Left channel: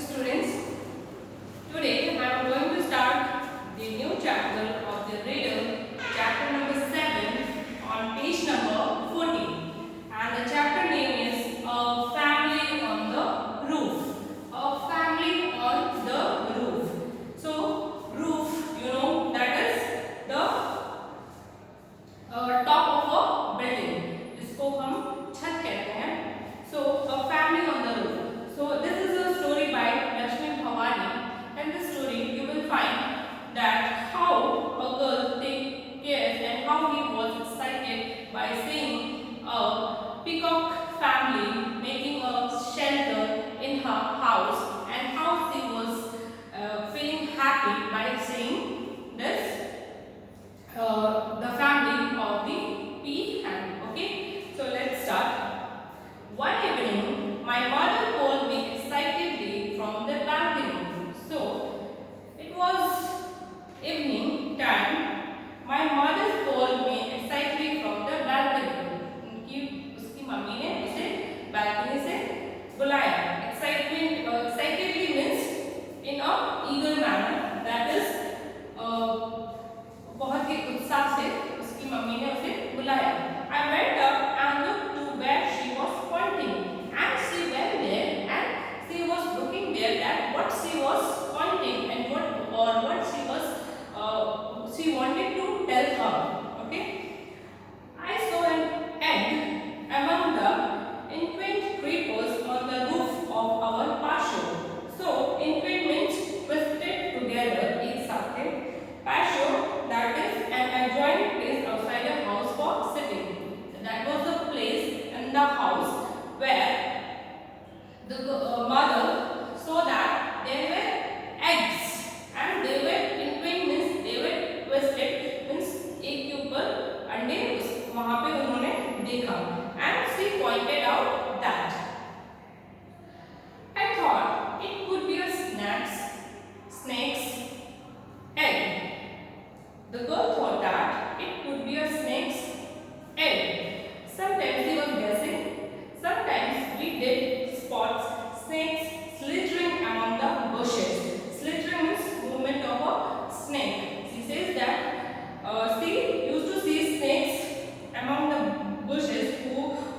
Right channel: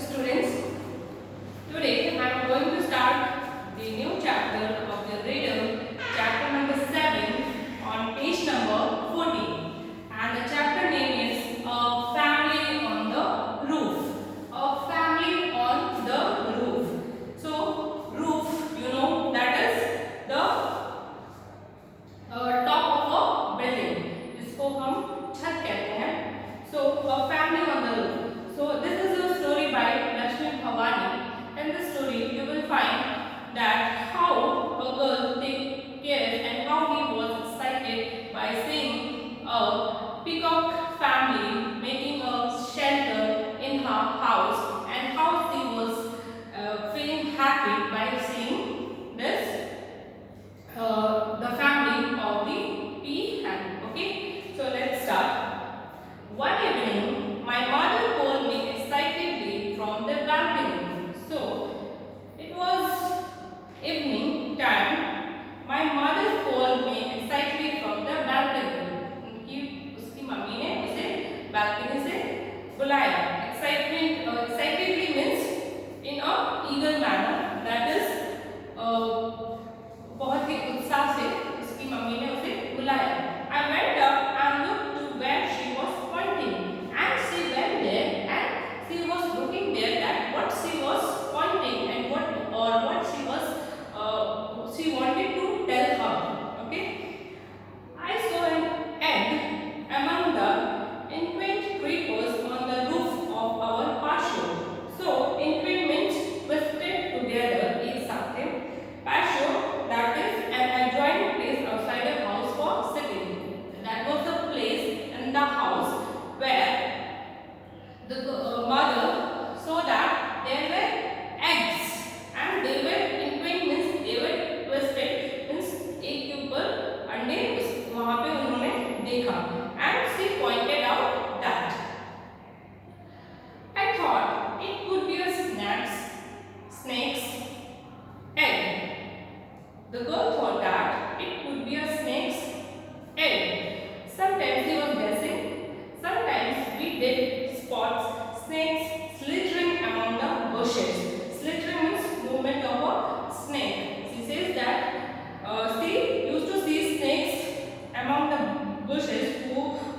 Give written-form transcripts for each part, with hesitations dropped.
students. Today I am going to start the new chapter of the riddle, chapter number 7 on page number 14. And the chapter name is A Family on the Roof. A family on the roof. So roof, you know, that is the top of a building. इसको हम छत कहते हैं. So a family on the roof. So this is a story by Lakshmi Bhavani. In this story you will find that how a girl take care and how he was excited by seeing a peacock family making a shelter in her house, and how she was feeling happy by seeing this the family of the peahen. Okay, so let's start. One evening, my mother called me excitedly from the balcony. So, it was evening time. My mother called me excitedly from the balcony. उसकी mummy ने उसे balcony से बुलाया. Excitedly means in a eager manner. That is बहुत ही उत्साह से उसकी mummy ने उसे बुलाया. I went up and looked to where she was pointing, and she went there and she was looking there at what she was pointing and what she wanted to tell her. Okay, I saw an egg among the inquaint creepers on the roof of our patio. So inquaint means twisted together एक साथ. Patio, that is an adjoining place outside a house for sitting. That was the place in the house where the mother saw that there were eggs, and they were inquaint means they were twisted means एक के ऊपर अंडे वहाँ पे उन्होंने देखा. And she pointed out that I thought it could be a snake's egg. The girl thought that it could be a snake's egg. Sometimes he was guessing. Sometimes we did spot snakes slithering among the bushes. Slithering means movement of a snake. She says that she used to see snakes among the bushes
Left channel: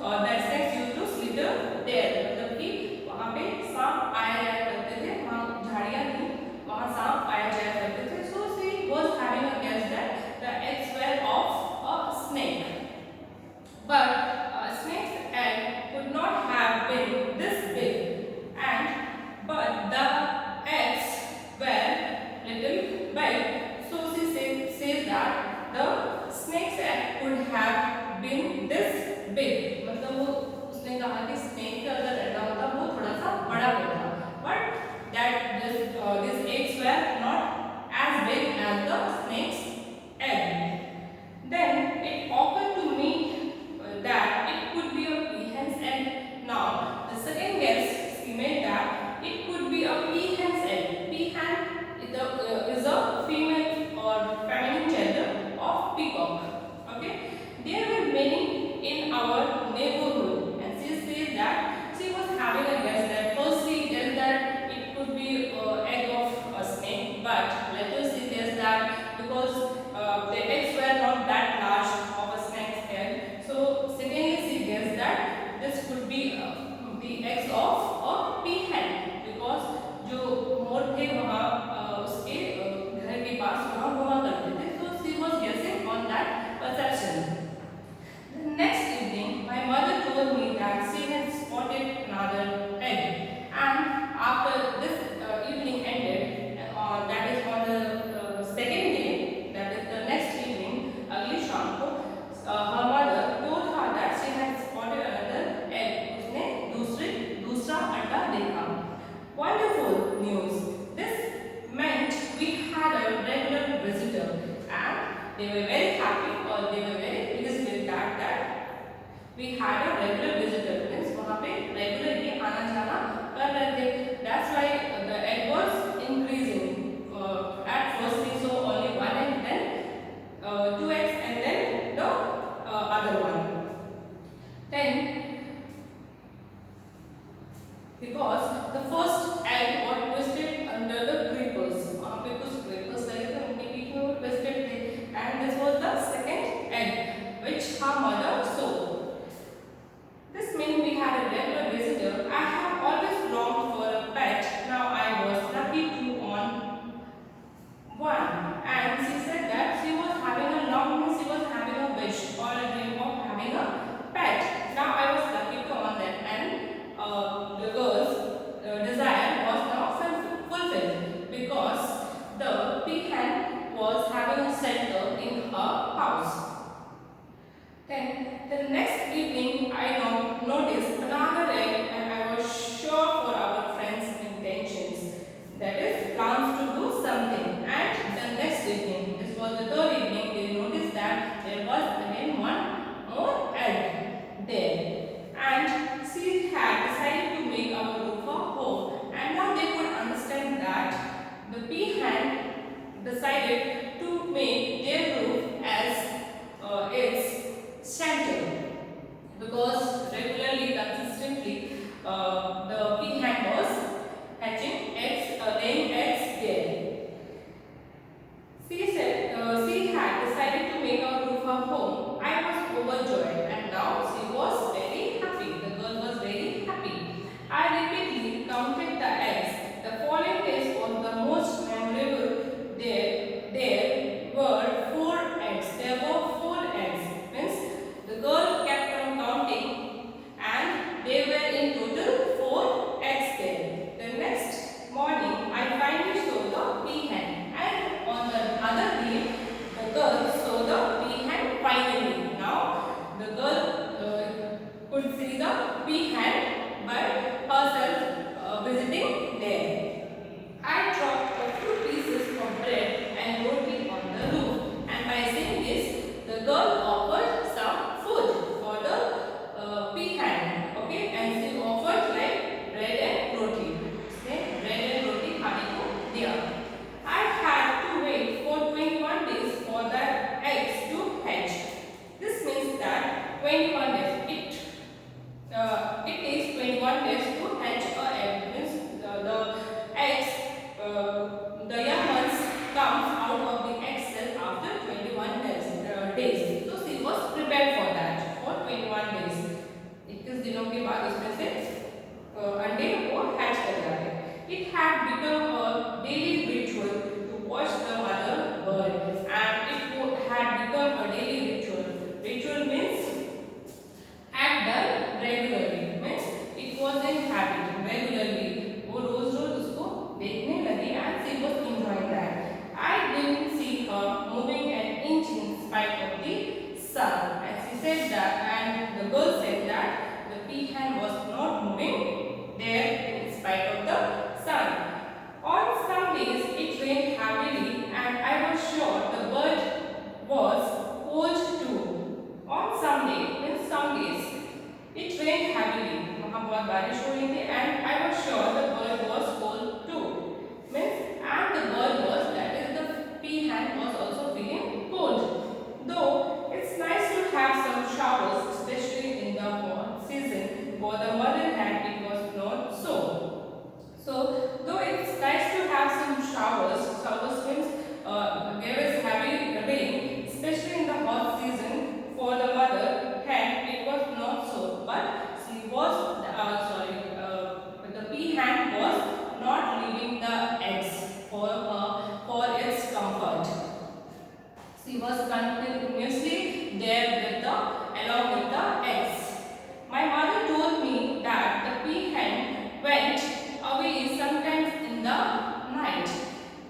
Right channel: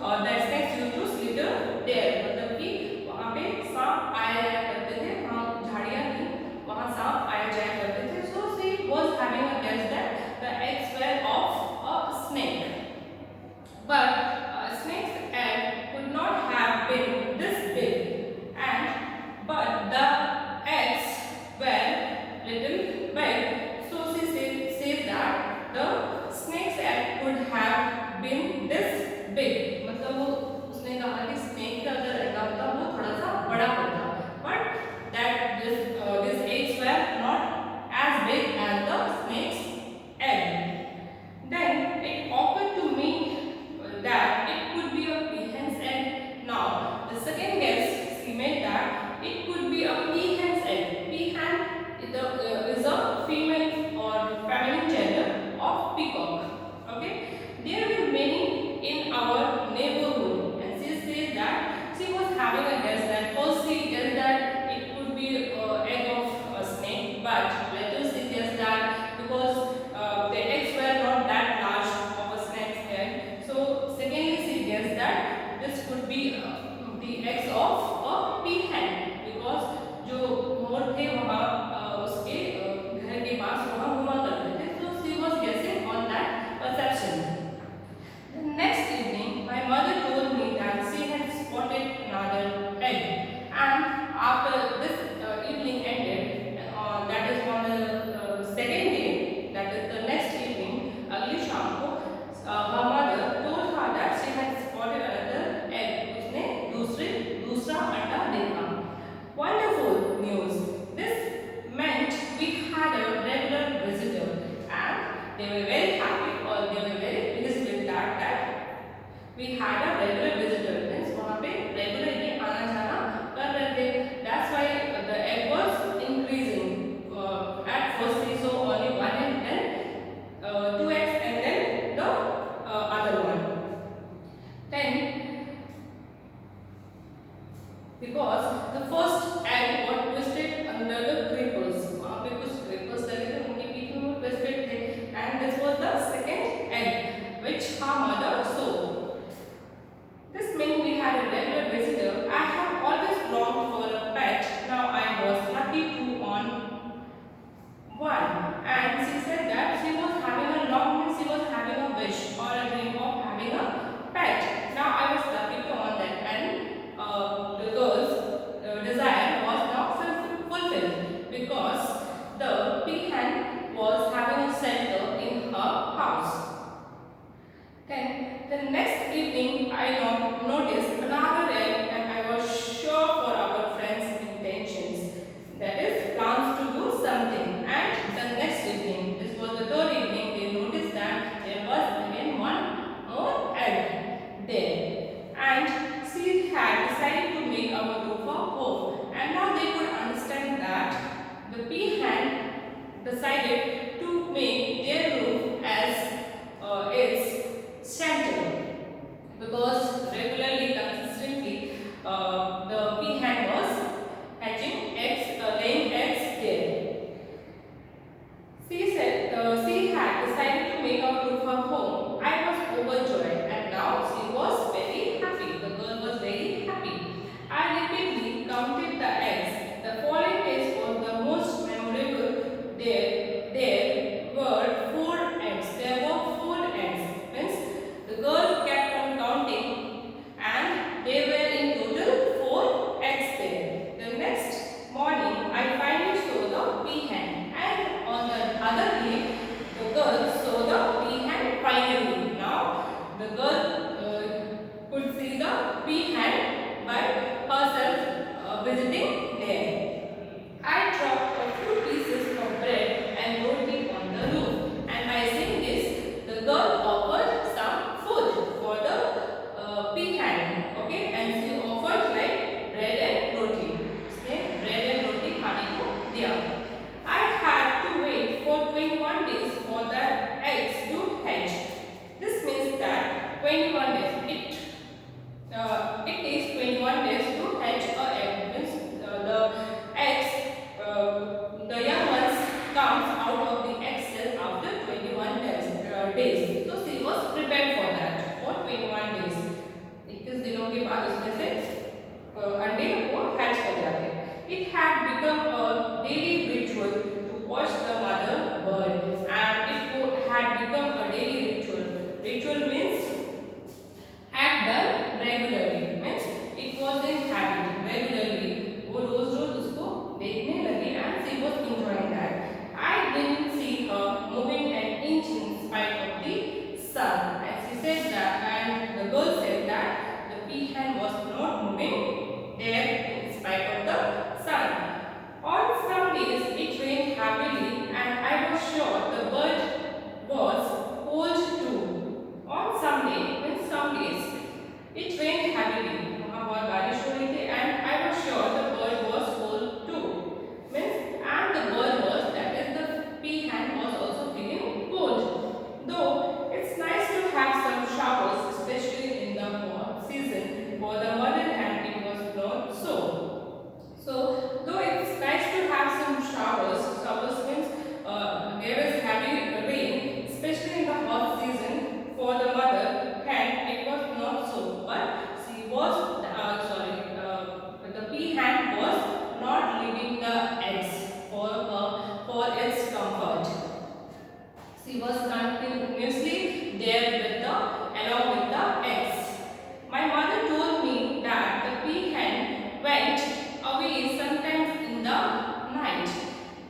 that snakes used to slither there. मतलब कि वहाँ पे सांप आया जाया करते थे. वहाँ झाड़ियाँ थी, वहाँ सांप आया जाया करते थे. So she was having a guess that the eggs were of a snake. But a snake's egg could not have been this big, but the eggs were little big. So she says that the snake's egg could have been this big. मतलब वो उसने कहा कि snake का अगर अंडा होता वो थोड़ा सा बड़ा होता. But that these eggs were not as big as the snake's egg. Then it occurred to me that it could be a peahen's egg. Now the second guess she made that it could be a peahen's egg. Peahen is a female or feminine gender of peacock. Okay, there were many in our neighborhood, and she says that she was having a guess that first she guessed that it could be egg of a snake, but later she guessed that because the eggs were not that large of a snake's egg. So secondly she guessed that this could be the eggs of a peahen, because जो मोर थे वहाँ उसके घर के पास वहाँ घुमा करते थे. So she was guessing on that perception. The next evening my mother told me that she had spotted another egg, and after this evening ended, that is on the second day, that is the next evening, अगली शाम को her mother told her that she had spotted another egg. उसने दूसरा अंडा देखा. Wonderful news! This meant we had a regular visitor, and they were very happy, or they were very pleased with that we had a regular visitor. Means वहाँ पे regularly आना जाना कर रहे थे. That's why the egg was increasing. At first we saw only one egg, then two eggs, and then the other one. Then because the first egg was twisted under the creepers. वहाँ पे कुछ creepers लगे थे, उनके बीच में वो twisted थे. And this was the second egg which her mother sowed. This meant we had a regular visitor. I have always longed for a pet. Now I was lucky to own one. And she said that she was having a long, she was having a wish or a dream of having a pet. Now I was lucky to own that, and the girl's desire was now fulfilled because the peahen was having a shelter in her house. Then the next evening I noticed another egg, and I was sure for our friend's intentions, that is plans to do something. And the next evening, this was the third evening, they noticed that there was again one more egg there, and she had decided to make our roof a home. And now they could understand that the peahen decided to make their roof as its shelter, because regularly, consistently, the peahen was hatching eggs, laying eggs there. She said she had decided to make our roof a home. I was overjoyed, and now she was very happy. The girl was very happy. I repeatedly counted the eggs. The following days was the most memorable. There were 4 eggs. There were 4 eggs. Means the girl kept on counting, and they were in total 4 eggs there. The next morning, I finally saw the peahen, and on the other day, the girl saw the peahen finally. Now, the girl could see the peahen by herself visiting there. I dropped a few pieces of bread and roti on the roof, and by saying this, the girl offered some food for the peahen. Okay, and she offered like bread and roti. Say bread and roti खाने को दिया. I had to wait for 21 days for the eggs to hatch. This means that 21 days. It takes 21 days to hatch a egg. Means the eggs, the young ones come out of the egg cell after 21 days. So she was prepared for that for 21 days. 21 दिनों के बाद उसमें से अंडे को hatch कर जाते हैं. It had become a daily ritual to watch the mother bird, and it had become a daily ritual. Ritual means act done regularly. Means it was in habit regularly. वो रोज रोज उसको देखने लगी, and she was enjoying that. I didn't see her moving an inch in spite of the sun. And she said that, and the girl said that the peahen was not moving there in spite of the sun. On some days it rained heavily, and I was sure the bird was cold too. On some days it rained heavily. वहाँ बहुत बारिश हो रही थी, and I was sure the bird was cold too. Means, and the bird was, that is the peahen was also feeling cold. Though it's nice to have some showers, especially in the hot season. For the mother hen, it was not so. So, though it's nice to have some showers means there is heavy rain, especially in the hot season. For the mother hen, it was not so. But she was, the peahen was not leaving the eggs for its comfort. She was continuously there along with the eggs. My mother told me that the peahen went away sometimes in the night.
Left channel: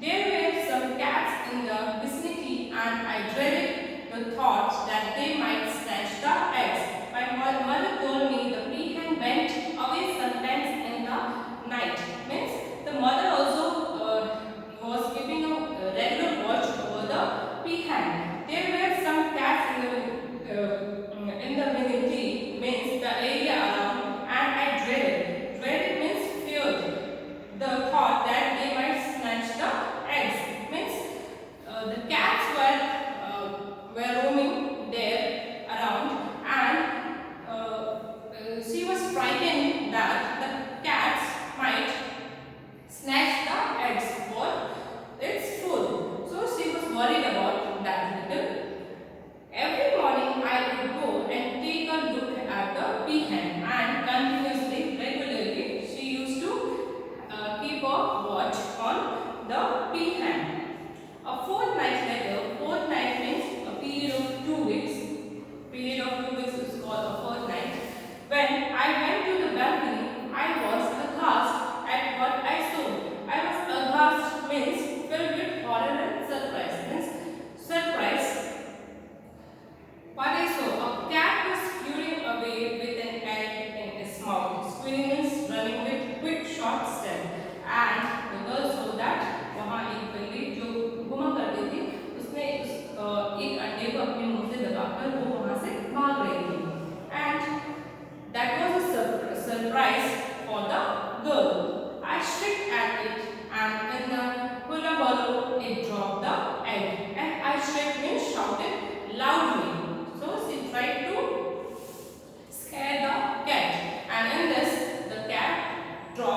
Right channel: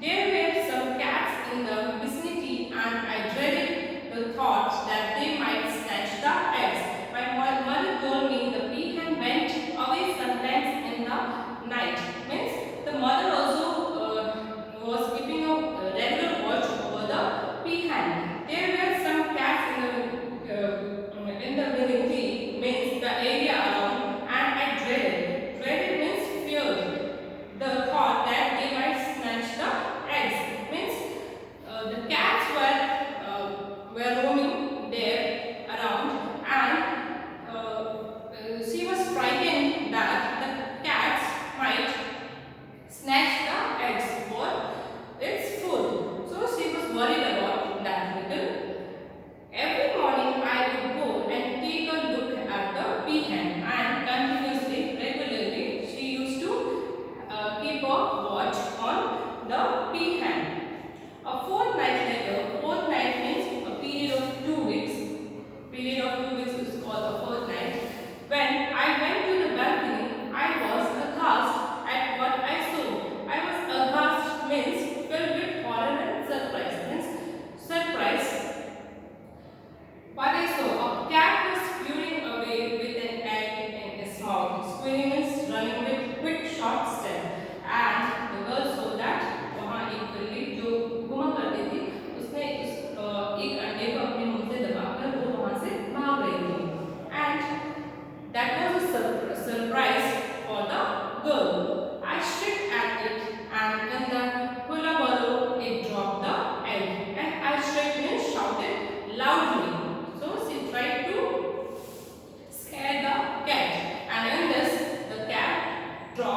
There were some cats in the vicinity, and I dreaded the thought that they might snatch the eggs. My mother told me the peahen went away sometimes in the night. Means the mother also was keeping a regular watch over the peahen. There were some cats in the vicinity, means the area around, and I dreaded. Dreaded means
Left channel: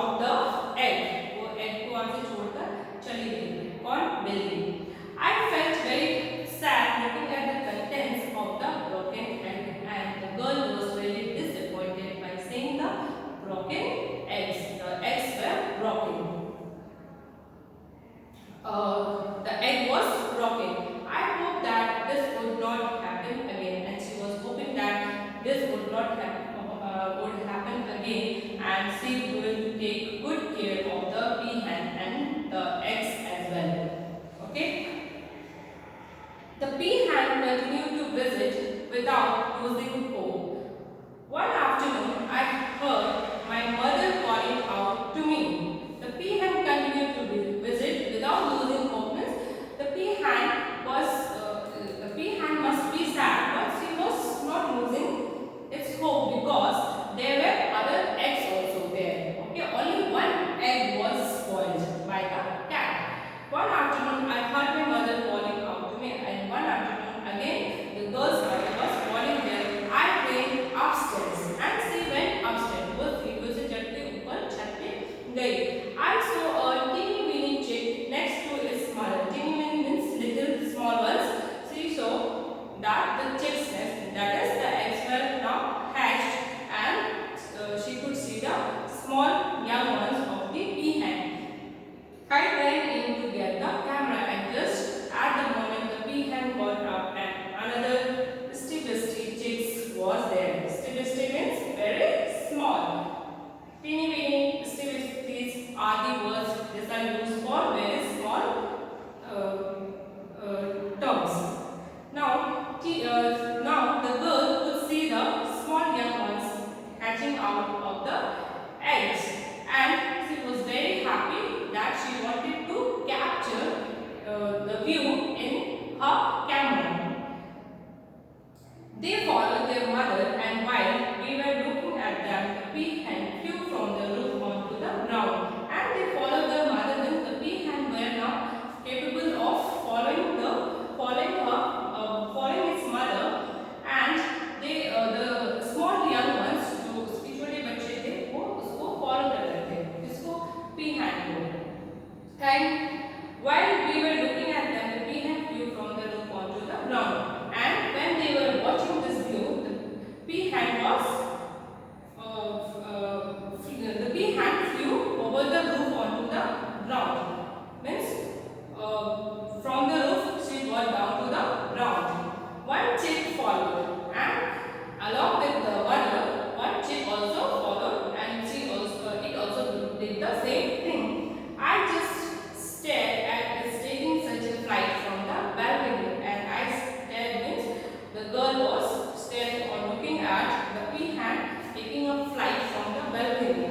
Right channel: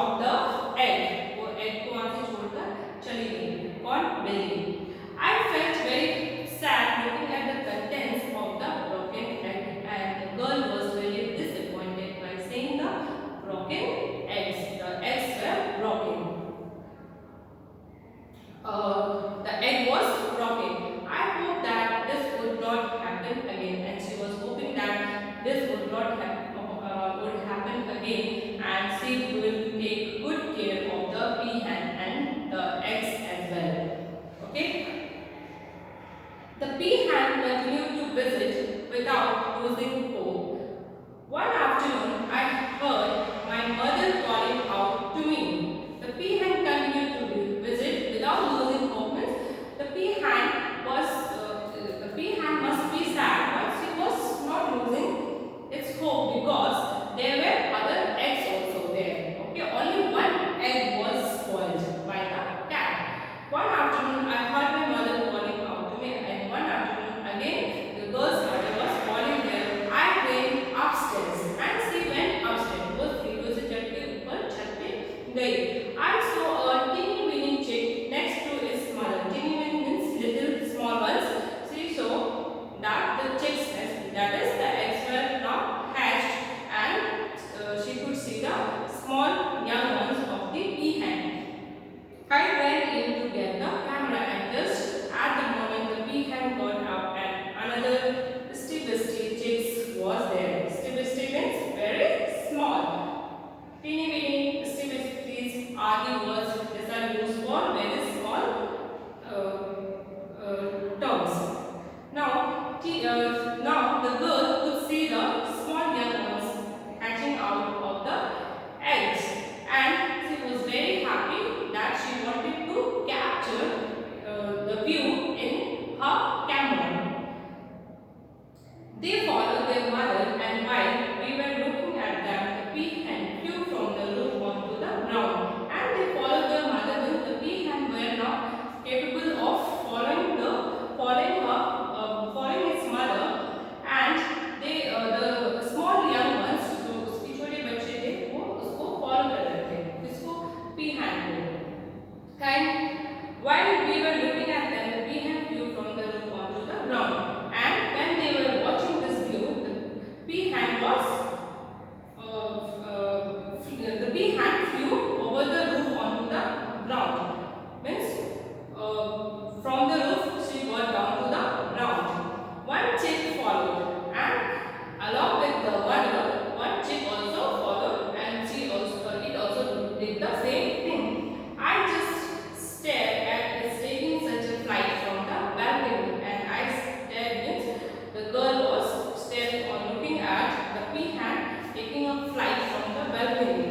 dropped the egg. वो egg को वहाँ से छोड़कर चली गई. कौन? बिल्ली. I felt very sad looking at the contents of the broken egg, and the girl was really disappointed by seeing the broken eggs. The eggs were broken. The egg was broken. I hope that this would not happen again, and she was hoping that this would not happen again, and she will take good care of the peahen and the eggs as well. Okay. The peahen continued to visit without losing hope. One afternoon, I heard my mother calling out to me. The peahen continued to visit without losing hope. Means the peahen must be sad, but she was not losing its hope because there were other eggs also there. Okay, only one egg was spoiled by the cat. One afternoon, I heard my mother calling out to me, and one afternoon again the girl's mother was calling there. I ran upstairs and she went upstairs. वो सीढ़ियों से चढ़ के ऊपर छत पे गई. I saw a teeny weeny chick next to its mother. Teeny weeny means little small ones. She saw that the chick's nest, that is the eggs were now hatched, and she could see the small young ones of the peahen. I ran in to get the camera, and just at the moment the peahen got up and another still chicks was there. Still means very small. Teeny weeny still are the words that are used for very small terms. Now the girl could see the small young ones hatching out of the eggs, and she was very happy that she wanted to capture the view in her camera. They followed their mother, and while we were looking at them, the peahen flew from the roof onto the ground. And they followed their mother, when the peahen were not capable of following its mother, and the small young ones, जो उसके छोटे बच्चे थे, वो उसको follow कर रहे थे, इसको peahen को. And while we were looking at them, the peahen flew from the roof onto the ground. And when they were watching this view, the peahen flew over the roof onto the ground. Means from the roof she got down to the ground. One chick followed, and along with the mother, one chick also followed, and it also did the same thing. I just stared at it taking such a flight from the balcony, and I stared means the girl was staring or looking at the peahen taking a flight from the balcony.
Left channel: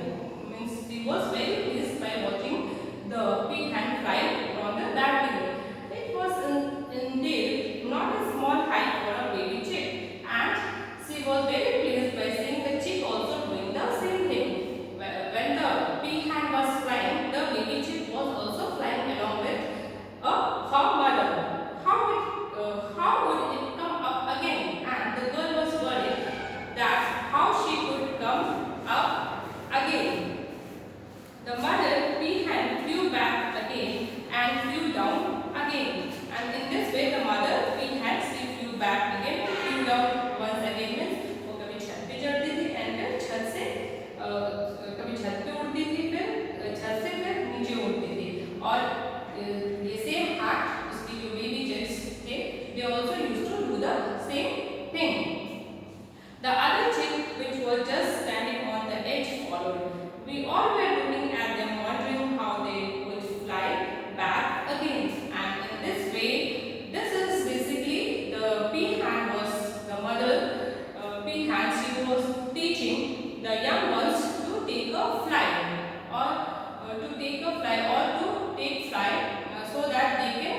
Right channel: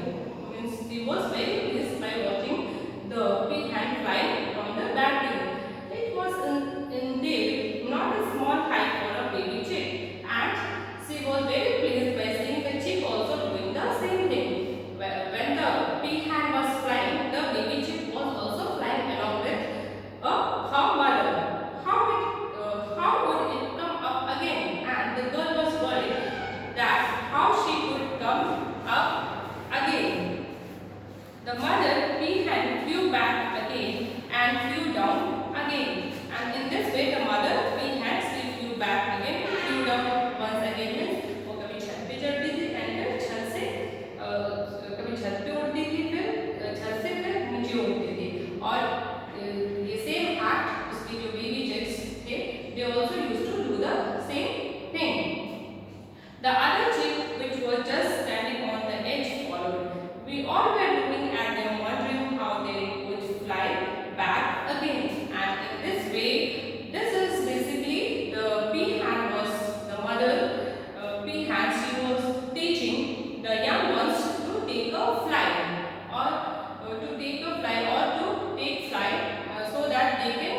Means she was very pleased by watching the peahen flying from the balcony. It was indeed not a small height for a baby chick, and she was very pleased by seeing the chick also doing the same thing. When the peahen was flying, the baby chick was also flying along with her mother. How would it come up again? And the girl was worried that how she could come up again. The mother peahen flew back again and flew down again. And in this way, the mother peahen flew back again, flew down once again. Means वो कभी छत पे चढ़ती थी, and फिर छत से कभी छत पे उड़ती थी, फिर छत से फिर नीचे उड़ती थी. और ये same act उसकी जो baby chicks थे, they also used to do the same thing. The other chick, which was just standing on the edge, followed. We all were looking at them, wondering how they would fly back again. And in this way, this is basically the peahen was the mother peahen. She was teaching the young ones to take a flight, or to take flight so that they can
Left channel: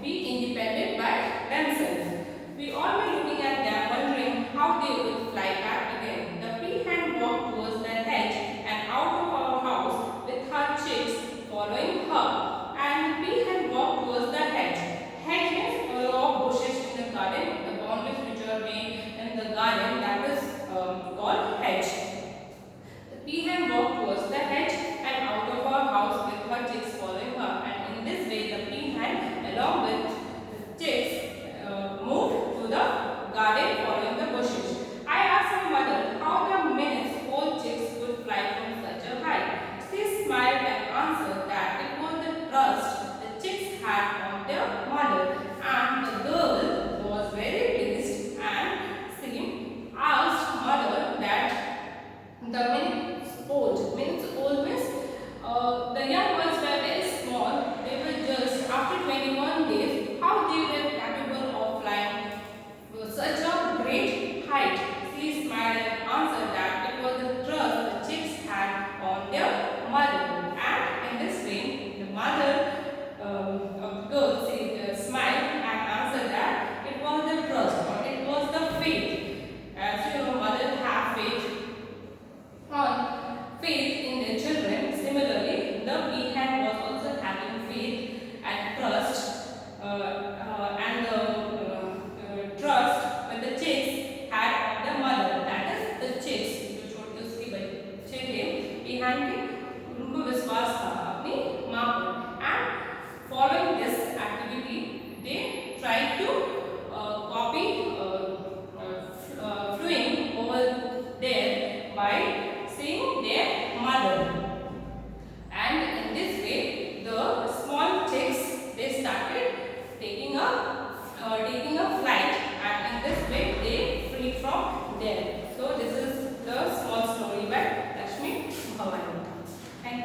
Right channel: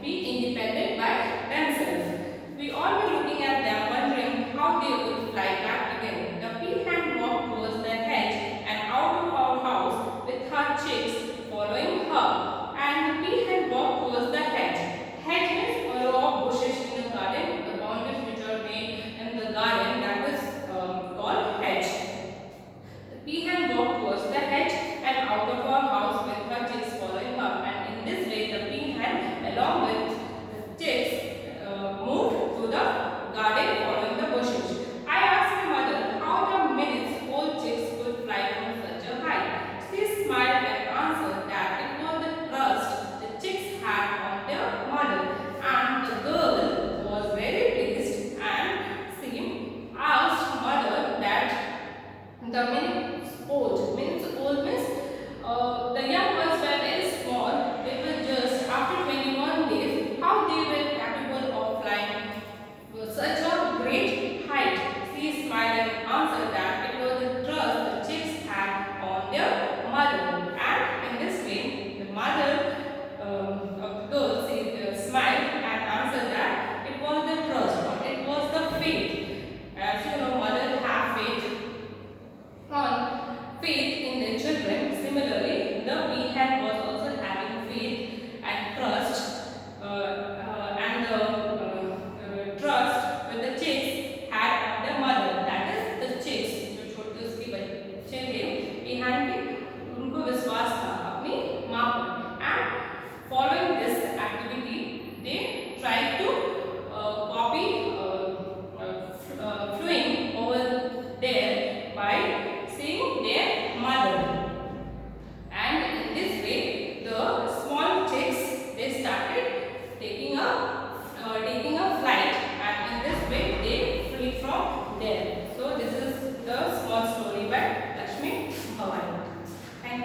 be independent by themselves. We all were looking at them, wondering how they would fly back again. The peahen walked towards the hedge and out of our house with her chicks following her. And the peahen walked towards the hedge. Hedge means a row of bushes in the garden, the boundaries which are made in the garden, that is called hedge. The peahen walked towards the hedge